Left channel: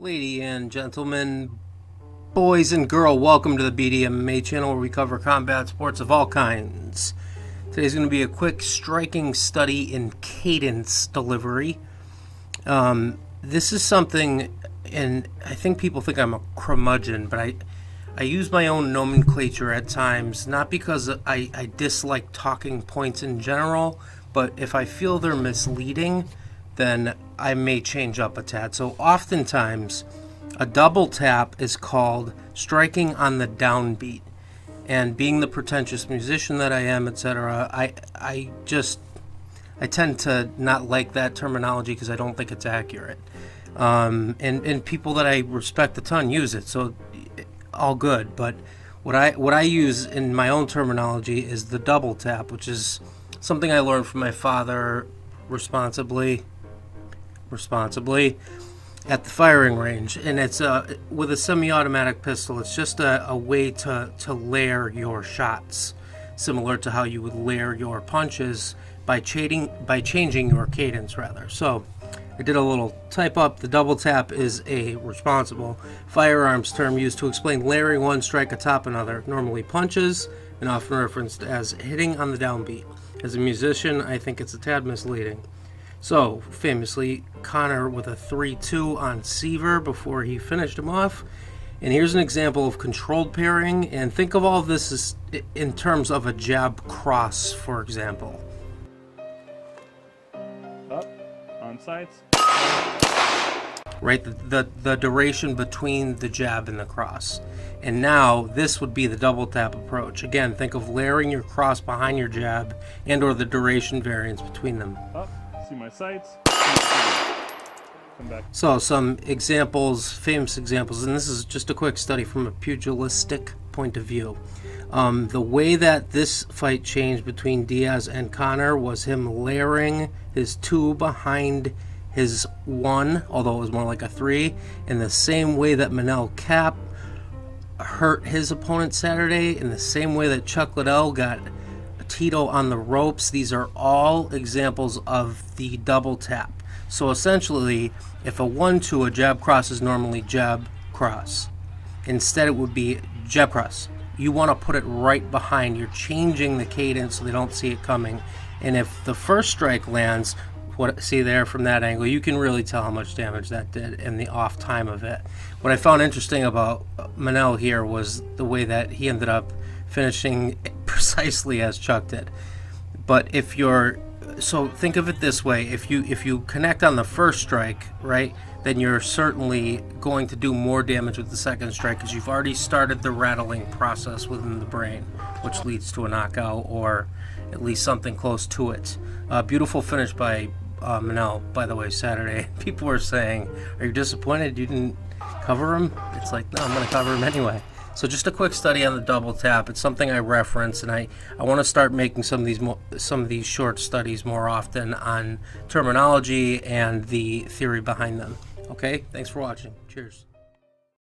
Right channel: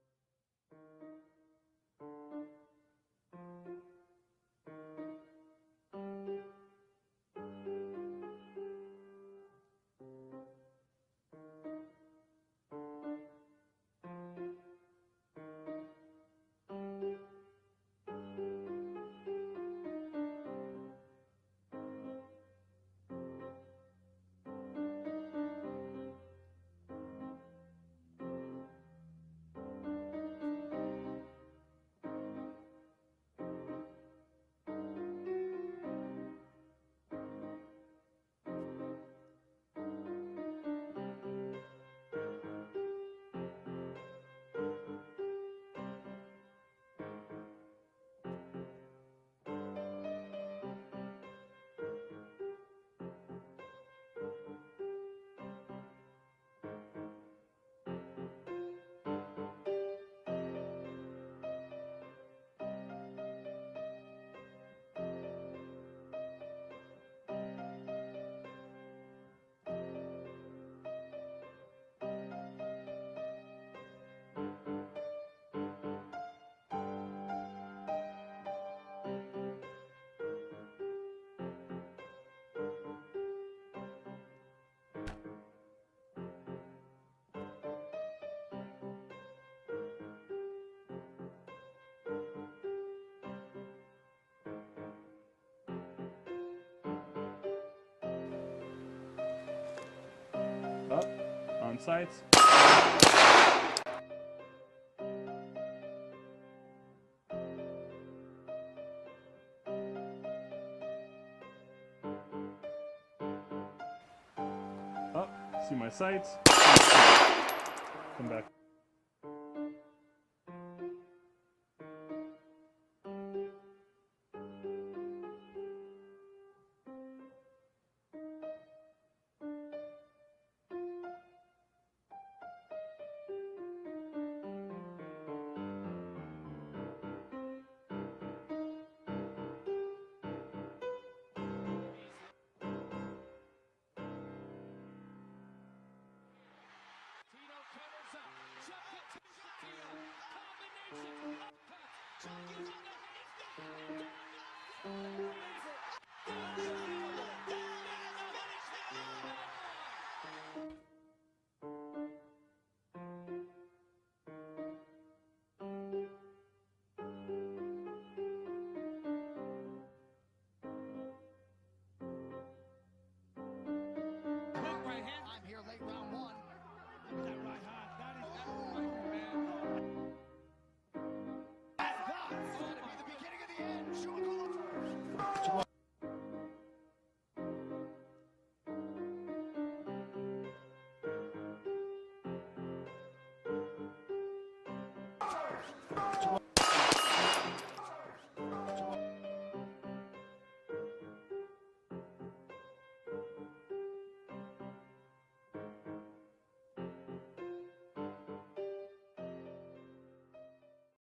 Ladies and gentlemen, boys and girls, welcome to the BDMA channel where we cover combat sports of all kinds. Today's going to be a quick, striking study in cadence delivery. This is something, and I think people think I'm a curmudgeon, but I use my own nomenclature at times, not because I dislike talking points in general, but if I feel they're misleading, then I may change up a tad. So oftentimes, a double tap is called striking on the downbeat. And being the pretentious musician that I am, etc., I tend to not like that terminology because I don't think it's accurate. And people that I respect a ton use it, so all good. But what I use in my own terminology is the double tap, which is something I learned from my father responsibly at the firing range. And it's with a semi-automatic pistol, it's just a way to layer your shots, similar to how you would layer your punches by changing your cadence rather. So I did a little type up. The double tap is a responsible firearms term used to explain layering one strike atop another, normally punches, and often referenced as hitting on the downbeat. As a musician, I think it's a tad misleading. So, famously, Connor with a 3-2 on Seaver before he finished him off. And here's an example of controlled pairing. And think of all of this as in terms of a jab cross, for example. Up, on sights. Right, the duration between the jab and the cross. And now, this would be the double tap approach. Again, think of layering your cross behind your jab and or the duration variance between them. Up. See my sights. Come back. So some examples, famous examples, and this is just a quick study from a pugilistic point of view. The way that this fight changed between Diaz and Connor was him layering his 2 behind his 1, although it was more like a 3, in the same way that Manel Cap hurt his opponent Saturday, in the same way that Chuck Liddell got Tito on the ropes. These are all examples of the double tap. So essentially, if a 1-2, a jab cross is normally jab cross. Instead, it would be jab cross. You want to put it right behind. You're changing the cadence so they don't see it coming. And if the first strike lands, see there from that angle, you can really tell how much damage that did and the off time of it. What I found interesting about Manel here was the way that he ended up finishing precisely as Chuck did. But if you're, so think of it this way, if you connect on the first strike, right, then you're certainly going to do more damage with the second strike because you've already started the rattling process within the brain, which leads to a knockout or at least something close to it. Beautiful finish by Manel, by the way, Saturday. People were saying, are you disappointed you didn't cover him? It's like, no, I'm going to cover him anyway. So just a quick study on the double tap. It's something I reference, and I want to start making some of these short studies more often on terminology and the theory behind them. Okay, thanks for watching. Cheers.